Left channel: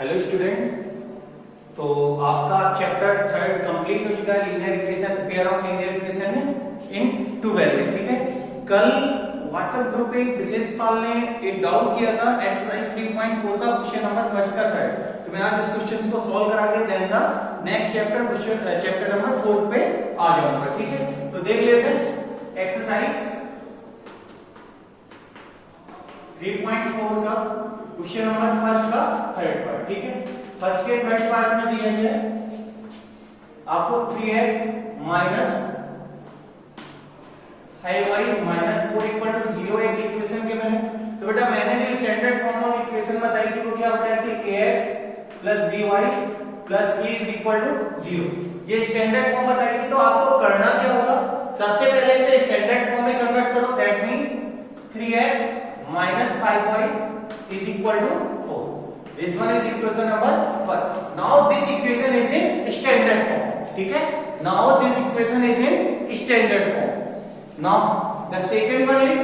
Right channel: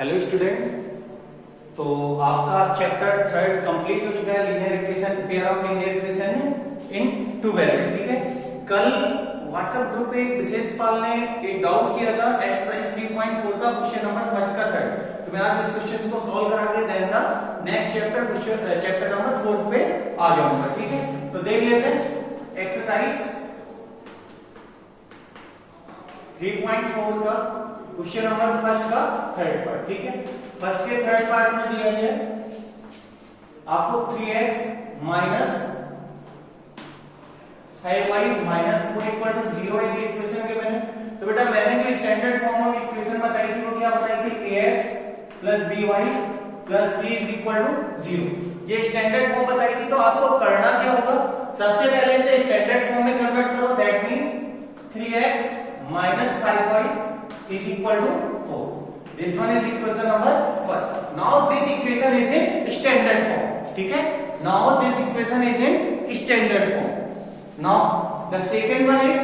Hello student. तो आपका chapter third complete हो चुका है, linear equation, pair of linear equation in two variable. ठीक है, कल व्हाट्सएप ग्रुप पे विशेष पाल ने एक डाउट किया था एक्सरसाइज 3.4 का क्वेश्चन नंबर फर्स्ट का थर्ड। तो मैं आज उस क्वेश्चन को सॉल्व करा के देना नेक्स्ट चैप्टर नंबर 4 पे आ जाऊंगा। ठीक है, तो देख लेते हैं एक्सरसाइज 3.4 का क्वेश्चन नंबर फर्स्ट का थर्ड पार्ट। ठीक है, फर्स्ट के थर्ड पार्ट में दिया गया है आपको 3x minus 5y minus 4 equal to 0 एक इक्वेशन के मैंने। तो बेटा मैंने जो स्टैंडर्ड फॉर्म ऑफ इक्वेशन बताई थी वो क्या होता है कि ax plus by plus c is equal to 0। ये स्टैंडर्ड फॉर्म बताई थी। तो आपको करना क्या होगा, सबसे पहले इसे स्टैंडर्ड फॉर्म में कन्वर्ट करो। That means 3x minus 5y is equal to 4. This one is equation number first. Now this equation is in standard form. ठीक है, now this equation is in standard form. Now the second one is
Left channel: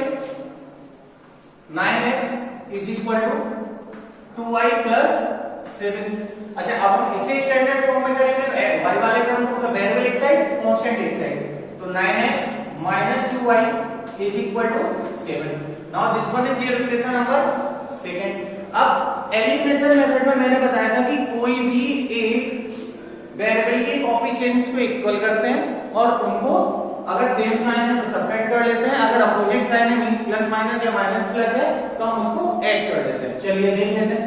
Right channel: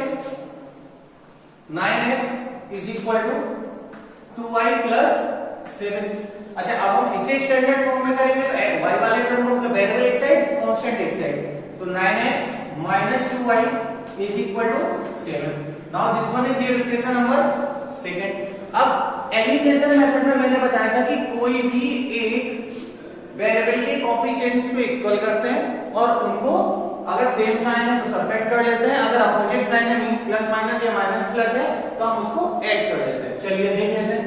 9x is equal to 2y plus 7. अच्छा, अब हम इसे standard form में करेंगे तो y वाले टर्म को वेरिएबल एक साइड, कांस्टेंट एक साइड। तो 9x minus 2y is equal to 7. Now this one is your equation number second. अब एलिमिनेशन मेथड में मैंने बताया था कि कोई भी एक वेरिएबल के कोएफिशिएंट्स को इक्वल करते हैं और उनको अगर सेम साइन है तो सब्ट्रैक्ट कर लेते हैं, अगर अपोजिट साइन है मींस प्लस माइनस या माइनस प्लस है तो हम उसको ऐड कर लेते हैं। चलिए देख लेते हैं।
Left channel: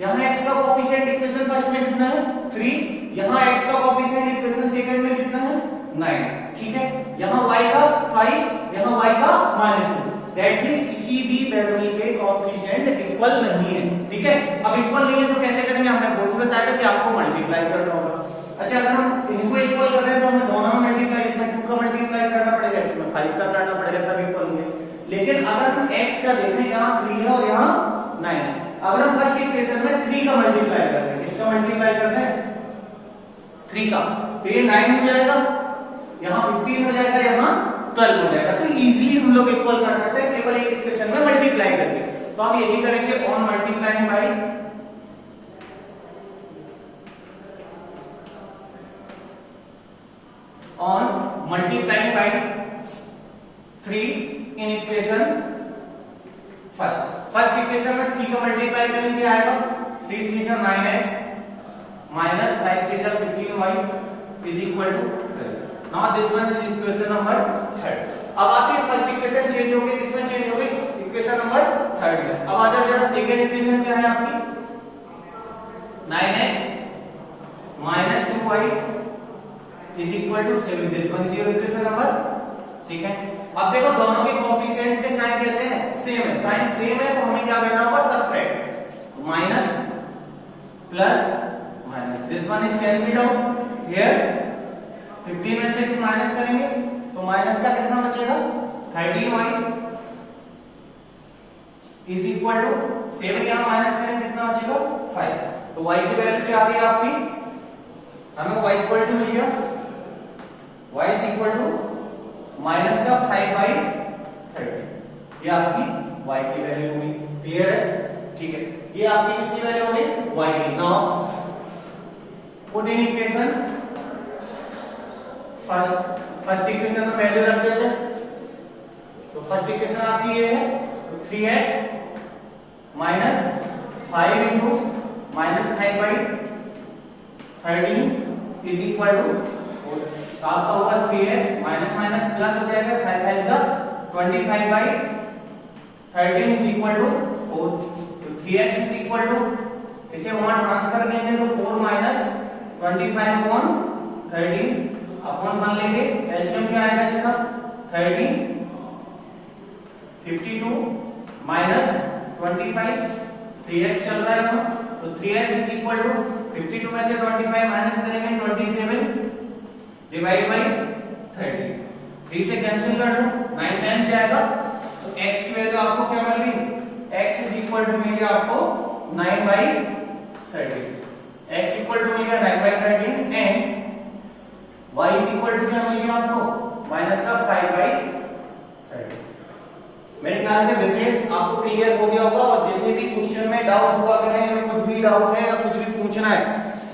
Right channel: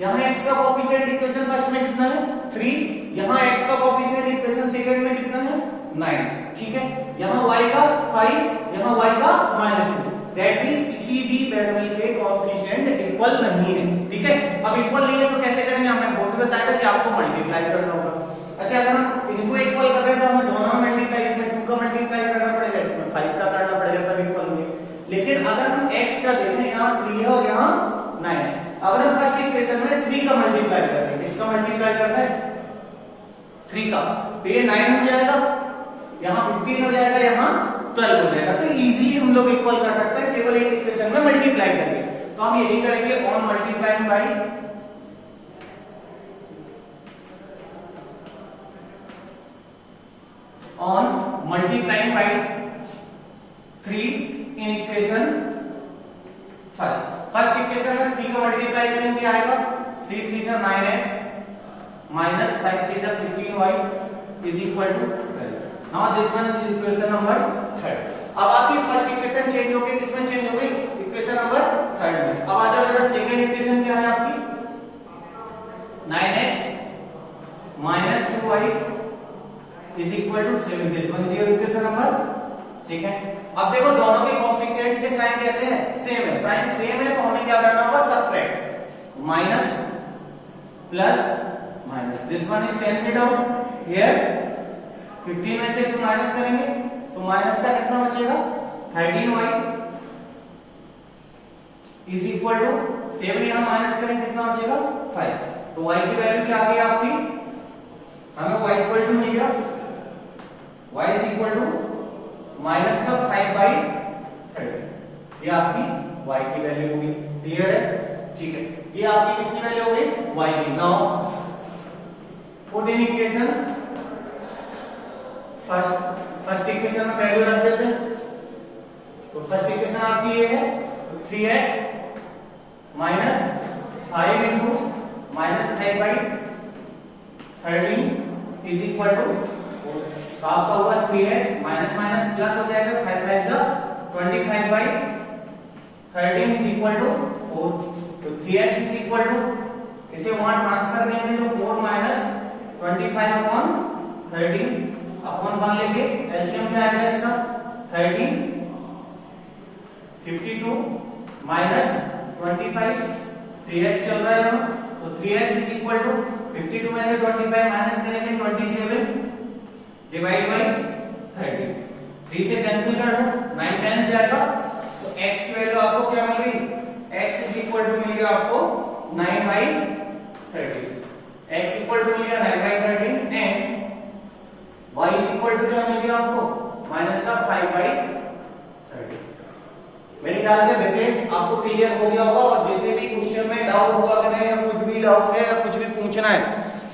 यहाँ x का कोएफिशिएंट इक्वेशन फर्स्ट में कितना है 3, यहाँ x का कोएफिशिएंट इक्वेशन सेकंड में कितना है 9। ठीक है, यहाँ y का 5, यहाँ y का -2। दैट मींस किसी भी वेरिएबल के कोएफिशिएंट इक्वल नहीं है। ठीक है, अब इक्वल नहीं है तो कैसे करेंगे, हमने बोर्ड में बताया था कि आपको मल्टीप्लाई करना होगा। अच्छा, अगर हम इनको इक्वल कर रहे हैं तो हमें दोनों में मल्टीप्लाई, इसमें 2 का मल्टीप्लाई करना पड़ेगा, इसमें 5 का करना पड़ेगा, तब इक्वल होंगे। लेकिन अगर हम x का देखें, यहाँ 3 है और यहाँ 9 है। अगर हम फर्स्ट इक्वेशन में 3 का मल्टीप्लाई कर रहे हैं, किसका मल्टीप्लाई करते हैं 3 का, तो ये 9 हो जाएगा, यहाँ 15 हो जाएगा, यहाँ 12 हो जाएगा। तो इजीली हम लोग इक्वल कर सकते हैं केवल एक इक्वेशन में मल्टीप्लाई करके। तो हम यही करेंगे on multiplying by by 3 in equation first equation में 3 का मल्टीप्लाई करेंगे, आएगा 3 3 से 9x माइनस 5 3 से 15y is equal to 12। Now this one is equation number third. अब आपकी फर्स्ट इक्वेशन चेंज हो गई, किसमें चेंज हो गई इक्वेशन नंबर थर्ड में। अब आ जाओ जरा सेकंड इक्वेशन क्या है आपकी 9x minus 2y is equal to 7। This one is your equation number. ठीक है, अब देखो दोनों के कोएफिशिएंट्स के साइन कैसे हैं, सेम है। साइन सेम है तो हमें क्या करना होगा, subtract, minus plus minus, this one is cancelled out here. 15 में से 2 माइनस करेंगे तो माइनस का कितना बचेगा 13y इज इक्वल टू 7, यहां माइनस करेंगे कितना बचेगा 5। तो y की वैल्यू क्या आ गई आपकी, हमें y इक्वल टू मिल गया, y is equal to minus का 5/30। ये आपकी y की वैल्यू होगी। क्लियर है? ठीक है, ये आपकी किसकी वैल्यू हो गई y की। Now put in equation first equation में वैल्यू रख देते हैं। तो फर्स्ट इक्वेशन आपकी ये है, तो 3x minus 5 into minus 5/13 is equal to 4। तो आपका होगा 3x माइनस माइनस प्लस हो जाएगा, 5 5 जा 25/13 इज इक्वल टू 4। तो 3x इज इक्वल टू, इसे वहां ट्रांसफर करेंगे तो 4 माइनस 25/13 अपॉन 1 लेंगे, एलसीएम क्या आएगा इसका 13, 52 माइनस 25, 3x चल रहा है यहाँ, तो 3x इज इक्वल टू 52 में से 25 माइनस करेंगे 27 डिवाइड बाई 30, 3 से कैंसिल कर दो, 9 टाइम्स जाएगा। तो x की वैल्यू आपको क्या मिल गई, x इज इक्वल टू मिल गया आपको 9/13। x इक्वल टू मिल गया 9/13 and y is equal to क्या मिल गया आपको माइनस का 5/30। मेरे ख्याल से विशेष आपको क्लियर हो गया होगा, और जिसमें भी क्वेश्चन में डाउट हुआ करें या कुछ भी डाउट है या कुछ भी पूछना है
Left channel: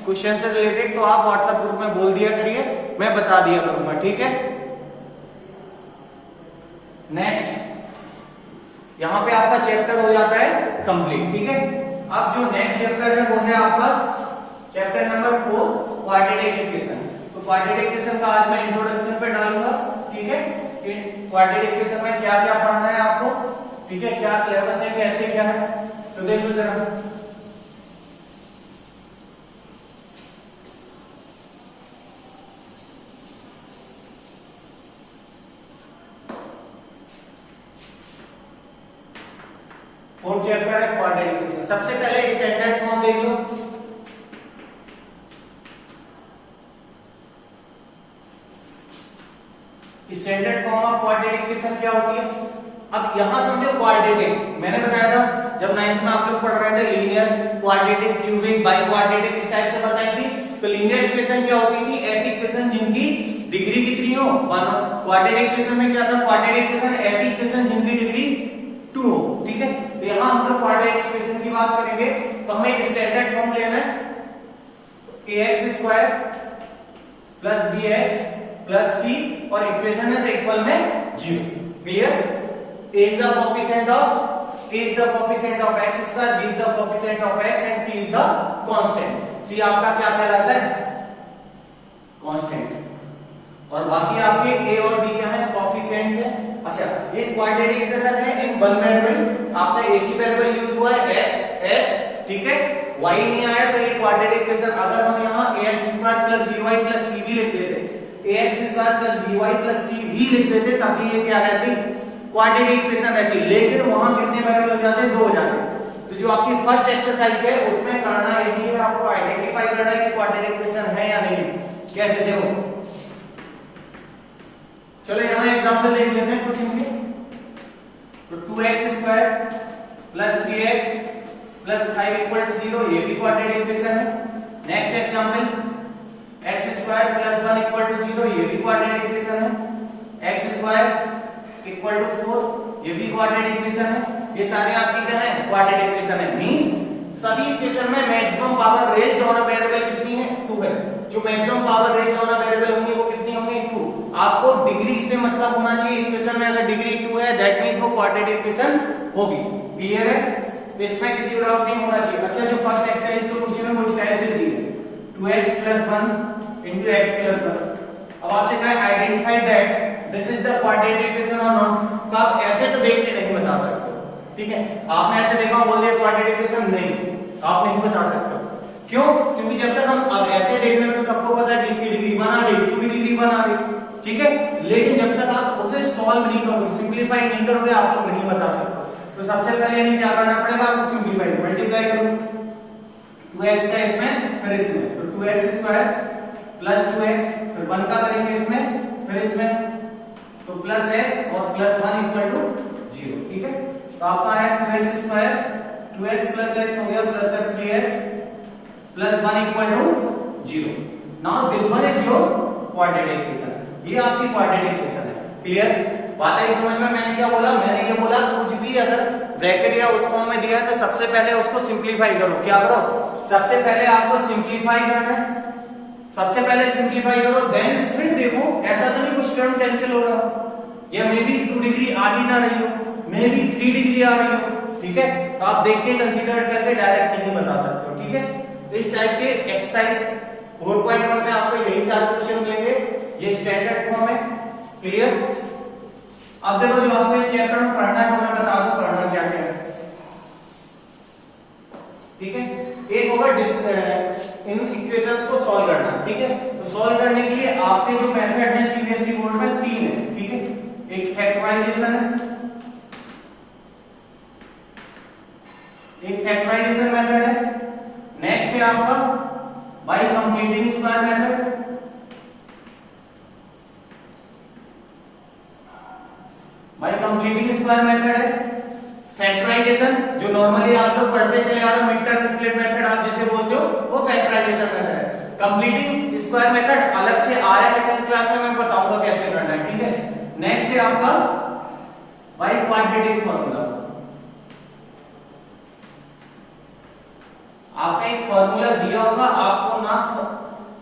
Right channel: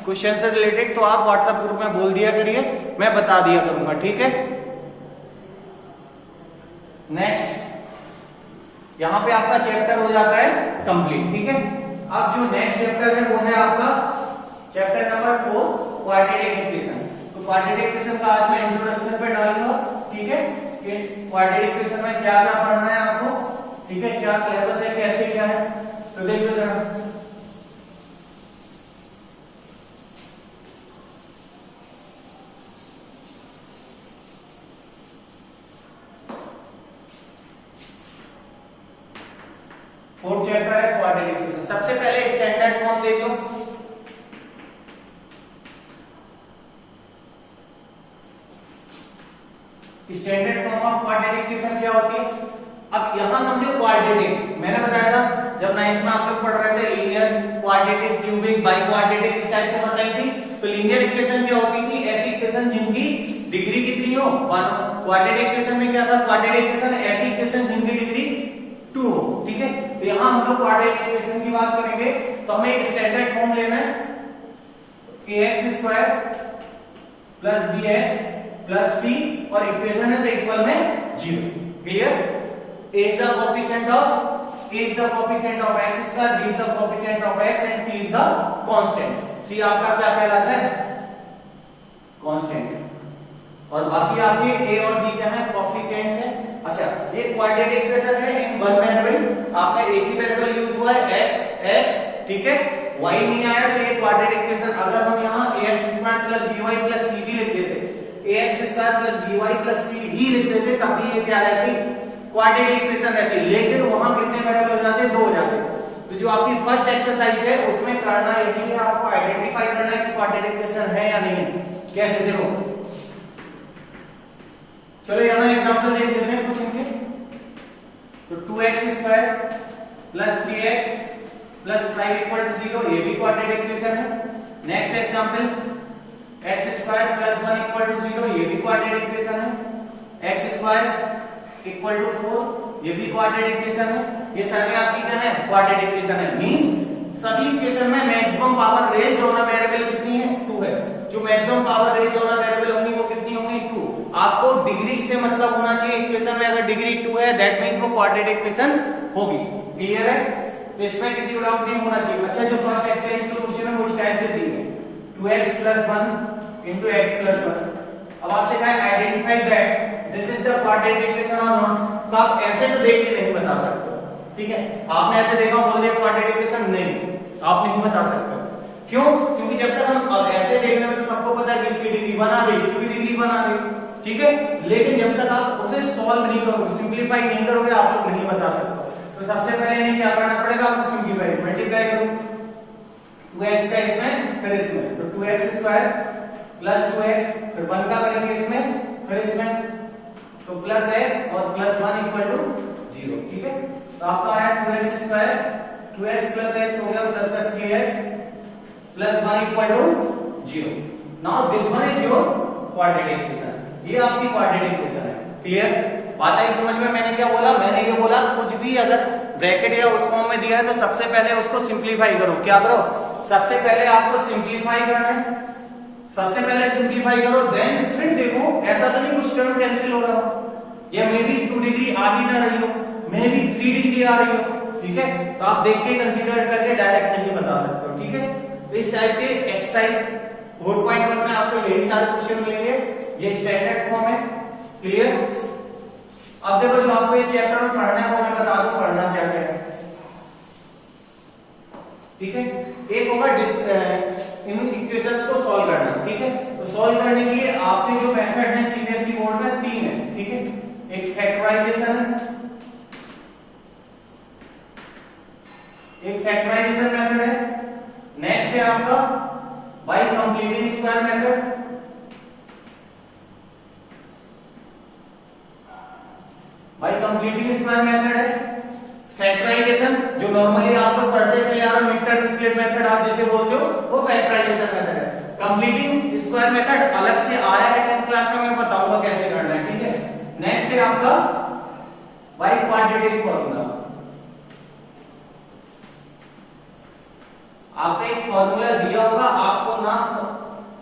क्वेश्चन से रिलेटेड तो आप व्हाट्सएप ग्रुप में बोल दिया करिए, मैं बता दिया करूंगा, ठीक है। नेक्स्ट यहां पे आपका चैप्टर हो जाता है कंप्लीट, ठीक है। अब जो नेक्स्ट चैप्टर है वो है आपका चैप्टर नंबर 4 क्वाड्रेटिक इक्वेशन। तो क्वाड्रेटिक इक्वेशन का आज मैं इंट्रोडक्शन पे डालूंगा, ठीक है, कि क्वाड्रेटिक इक्वेशन में क्या क्या पढ़ना है आपको, ठीक है, क्या सिलेबस है, कैसे क्या है, तो देख लो जरा। फोर्थ चैप्टर है क्वाड्रेटिक इक्वेशन। सबसे पहले स्टैंडर्ड फॉर्म देख लो। Standard form of quadratic equation क्या होती है? अब यहां समझो क्वाड्रेटिक, मैंने बताया था जब 9th में आप लोग पढ़ रहे थे linear, quadratic, cubic, by quadratic, इस टाइप से बताई थी। तो लीनियर इक्वेशन क्या होती थी? ऐसी इक्वेशन जिनकी डिग्री कितनी हो, 1 हो। क्वाड्रेटिक इक्वेशन में क्या था? क्वाड्रेटिक इक्वेशन ऐसी इक्वेशन जिनकी डिग्री 2 हो, ठीक है। तो यहां हम लोग क्वाड्रेटिक इक्वेशन की बात करेंगे तो हमें एक स्टैंडर्ड फॉर्म लेना है, ax² plus bx plus c और इक्वेशन है तो इक्वल में 0। Clear? a is the coefficient of x square, b is the coefficient of x and c is the constant। c आपका क्या कहलाता है? कांस्टेंट। और बाकी आपके a और b क्या है? कोएफिशिएंट्स है। अच्छा, ये क्वाड्रेटिक इक्वेशन है इन वन वेरिएबल, आपका एक ही वेरिएबल यूज हुआ है x, ठीक है, y नहीं आया तो ये क्वाड्रेटिक इक्वेशन अगर हम यहाँ ax² plus by plus cd लिख देते, ax² plus by plus cd लिख देते तब भी ये क्या रहती? क्वाड्रेटिक इक्वेशन रहती। लेकिन वहां कितने वेरिएबल हो जाते? 2 हो जाते। तो जो आपकी फर्स्ट एक्सरसाइज है उसमें करना यही है, आपको आइडेंटिफाई करना है कि क्वाड्रेटिक इक्वेशन है या नहीं। कैसे? देखो, चलो यहां एग्जांपल देख लेते हैं कुछ इनके। तो 2x² plus 3x plus 5 equal to 0, ये भी क्वाड्रेटिक इक्वेशन है। Next example, x² plus 1 equal to 0, ये भी क्वाड्रेटिक इक्वेशन है। x² इक्वल टू 4, ये भी क्वाड्रेटिक इक्वेशन है। ये सारे आपकी क्या है? क्वाड्रेटिक इक्वेशन है। मींस सभी इक्वेशन में maximum power raised on a variable कितनी है? 2 है। जो maximum power raised on a variable होंगी वो कितनी होंगी? 2। आपको डिग्री से मतलब होना चाहिए इक्वेशन में, अगर डिग्री 2 है दैट मींस वो क्वाड्रेटिक इक्वेशन होगी। क्लियर है? तो इसमें किसी को डाउट नहीं होना चाहिए। अच्छा, जो फर्स्ट एक्सरसाइज का क्वेश्चन है वो इस टाइप से दी है, 2x plus 1 into x plus 1। अब आपसे कहा है identify that this is the quadratic equation और नॉट। तो आप ऐसे तो देख के नहीं बता सकते, ठीक है। आपने ऐसे देखा बोल दिया क्वाड्रेटिक इक्वेशन, नहीं, आप नहीं बता सकते। क्यों? क्योंकि जब तक हम अब ऐसे देख रहे हैं तो सबको पता है कि इसकी डिग्री बना दे, इसकी भी डिग्री बना दे, ठीक है। लेकिन जब तक आप उसे सॉल्व नहीं करोगे, सिंप्लीफाई नहीं करोगे, आप लोग नहीं बता सकते। तो सबसे पहले यानी क्या करना पड़ेगा आपको? सिंप्लीफाई, मल्टीप्लाई करो 2x का इसमें फिर इसमें, तो 2x² प्लस 2x फिर 1 का करेंगे इसमें फिर इसमें, तो प्लस x और प्लस 1 इक्वल टू 0, ठीक है। तो आपका आया 2x² 2x प्लस x हो गया plus 3x plus 1 equal to 0। Now this one is your quadratic equation, ये आपकी क्वाड्रेटिक इक्वेशन है। क्लियर? बात आई समझ में? मैंने क्या बोला? मैंने ये बोला कुछ भी अगर ब्रैकेट या उस फॉर्म में दिया है तो सबसे पहले उसको सिंप्लीफाई करो। क्या करो? सबसे पहले आपको सिंप्लीफाई करना है, सबसे पहले सिंप्लीफाई करो, देन फिर देखो ऐसा तो नहीं कुछ टर्म कैंसिल हो रहा हो, या मे बी 2 डिग्री आ ही ना रही हो, मे बी 3 डिग्री आ रही हो, ठीक है। तो आप देख के कंसीडर करके डायरेक्ट नहीं बता सकते हो, ठीक है। तो इस टाइप के एक्सरसाइज 4.1 में आपको यही सारे क्वेश्चन मिलेंगे, ये स्टैंडर्ड फॉर्म है। क्लियर? अब देखो जो आपको इस चैप्टर में पढ़ना है वो मैं बता दूं पढ़ना क्या क्या है, ठीक है। एक होगा इन इक्वेशंस को सॉल्व करना, ठीक है। तो सॉल्व करने के लिए आपके जो मेथड है सीबीएसई बोर्ड में 3 है, ठीक है। एक फैक्टराइजेशन है, एक फैक्टराइजेशन मेथड है, नेक्स्ट है आपका bye completing square method, bye completing square method है। फैक्टराइजेशन जो नॉर्मली आप लोग पढ़ते चले आ रहे हो, मिक्टर स्प्लिट मेथड आप जिसे बोलते हो, वो फैक्टराइजेशन मेथड है। कंप्लीटिंग स्क्वायर मेथड अलग से आया है 10th क्लास में, मैं बताऊंगा कैसे करना है, ठीक है। नेक्स्ट है आपका बाय क्वाड्रेटिक फॉर्मूला, आपका एक फॉर्मूला दिया होगा, आपको ना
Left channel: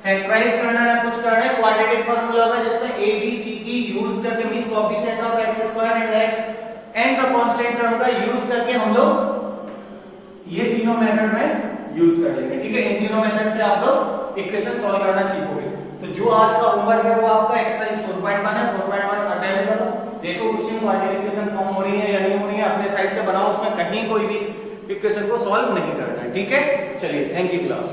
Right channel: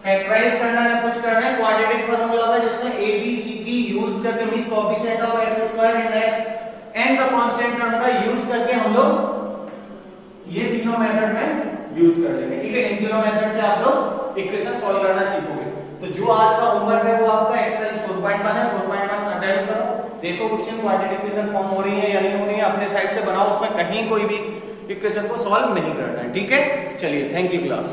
फैक्टराइज करना है ना कुछ करना है, क्वाड्रेटिक फॉर्मूला होगा जिसमें A B C D use करके means coefficient of X square and X and the constant term का यूज करके हम लोग ये तीनों मेथड में यूज करेंगे। ठीक है, इन तीनों मेथड से आप लोग इक्वेशन सॉल्व करना सीखोगे। तो जो आज का होमवर्क है वो आपका एक्सरसाइज 4.1 है, 4.1 अटेम्प्ट करो, देखो क्वेश्चन क्वाड्रेटिक इक्वेशन फॉर्म हो रही है या नहीं हो रही है, अपने साइड से बनाओ, उसमें कहीं कोई भी इक्वेशन को सॉल्व नहीं करना। ठीक है, चलिए, थैंक यू क्लास।